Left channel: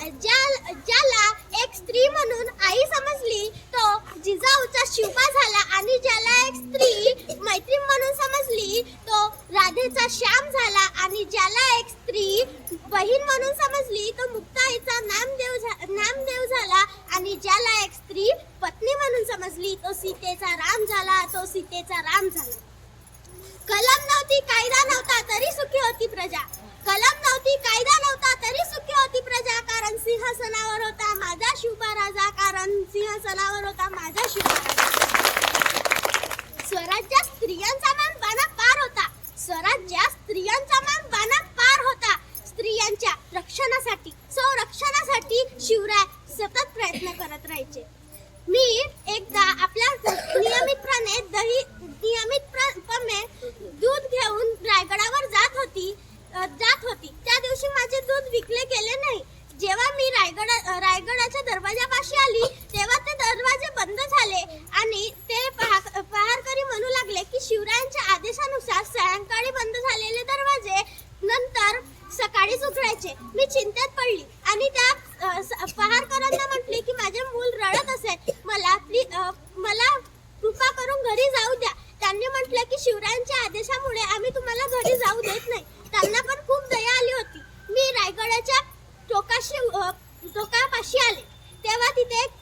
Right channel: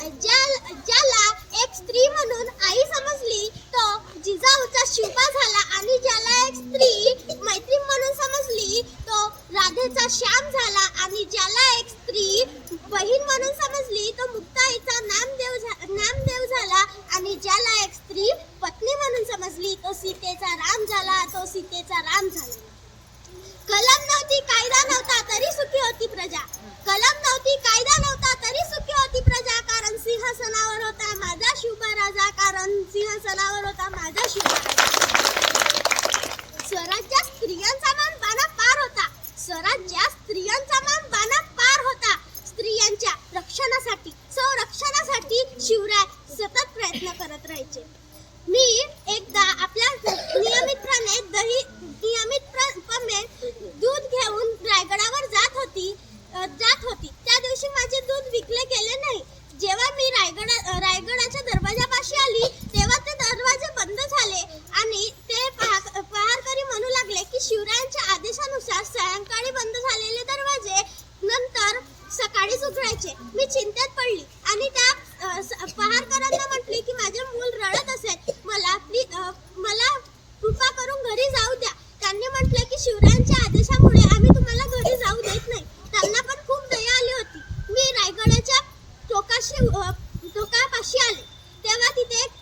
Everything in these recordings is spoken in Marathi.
ज्या ज्याला एक स्त्री म्हणून आई समजली तो जिजाऊचा शिवबा झाला आणि ज्याला एक स्त्री मैत्रीण म्हणून समजली तो राधेचा श्याम झाला आणि ज्याला एक स्त्री बहीण म्हणून समजली तो मुक्ताईचा नामदेव झा- नामदेव झाला आणि ज्याला एक स्त्री पत्नी म्हणून समजली तो सीतेचा राम झाला तो सीतेचा राम झाला. कलम नव्हती कायदा नव्हता तरी सुखी होती प्रजा. कलम नव्हती काय नव्हता तरी सुखी होती प्रजा कारण सिंहासनावर होता माझा शिवबा राजा कारण सिंहासनावर होता माझा शिवबा राजा स्त्रियांचा मान बाना पार होता. स्वराज्यात स्त्रियांचा मान बाना पार होता. स्त्रियांच्या रक्षणासाठी संरक्षणासाठी शिवराय सतत प्रयत्न करत राहायचे. मी एकदा आपल्या नियमितपणे दूध घेऊन रायगडावर जात होती अ, जात होती त्या दिवशी माझे दूध विकले गेले नाही जेव्हा मी रायगड रायगडाच्या दरवाजापाशी आली तेव्हा ते दरवाजे बंद झाले आणि ते पहारकरी म्हणू लागले की शिवरायांच्या आदेशानुसार सायंकाळी बंद झालेले दरवाजे नंतर सकाळीच उघडायचे. मी चिंतेत पडली आणि त्या पहारकरांना म्हटले की माझे मूल रडत असेल मला प्ली- मला कृपा करून घरी जाऊ द्या. त्यांनी म्हटलं की शिवरायांच्या आदेशामुळे आम्ही तुम्हाला घरी जाऊ देत नाही. त्यांना पण खूप दया आली होती. मी रायगडाच्या टोकाशी अ, टोकापाशी आले. तेव्हा तिथे एक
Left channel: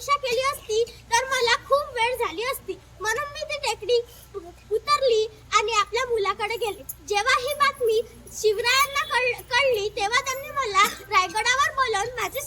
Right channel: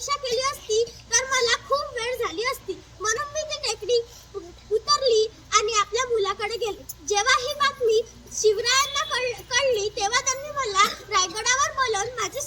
प्रतीक्षा केली असती तर मला खूप वेळ झाली असती. म्हणून मी ती टेकडी उतरली आणि आपल्या मुलाकडे गेले. जेव्हा ही बातमी शिवरायांना कळली तेव्हा त्यांनी मला रायगडावर बोलावून माझी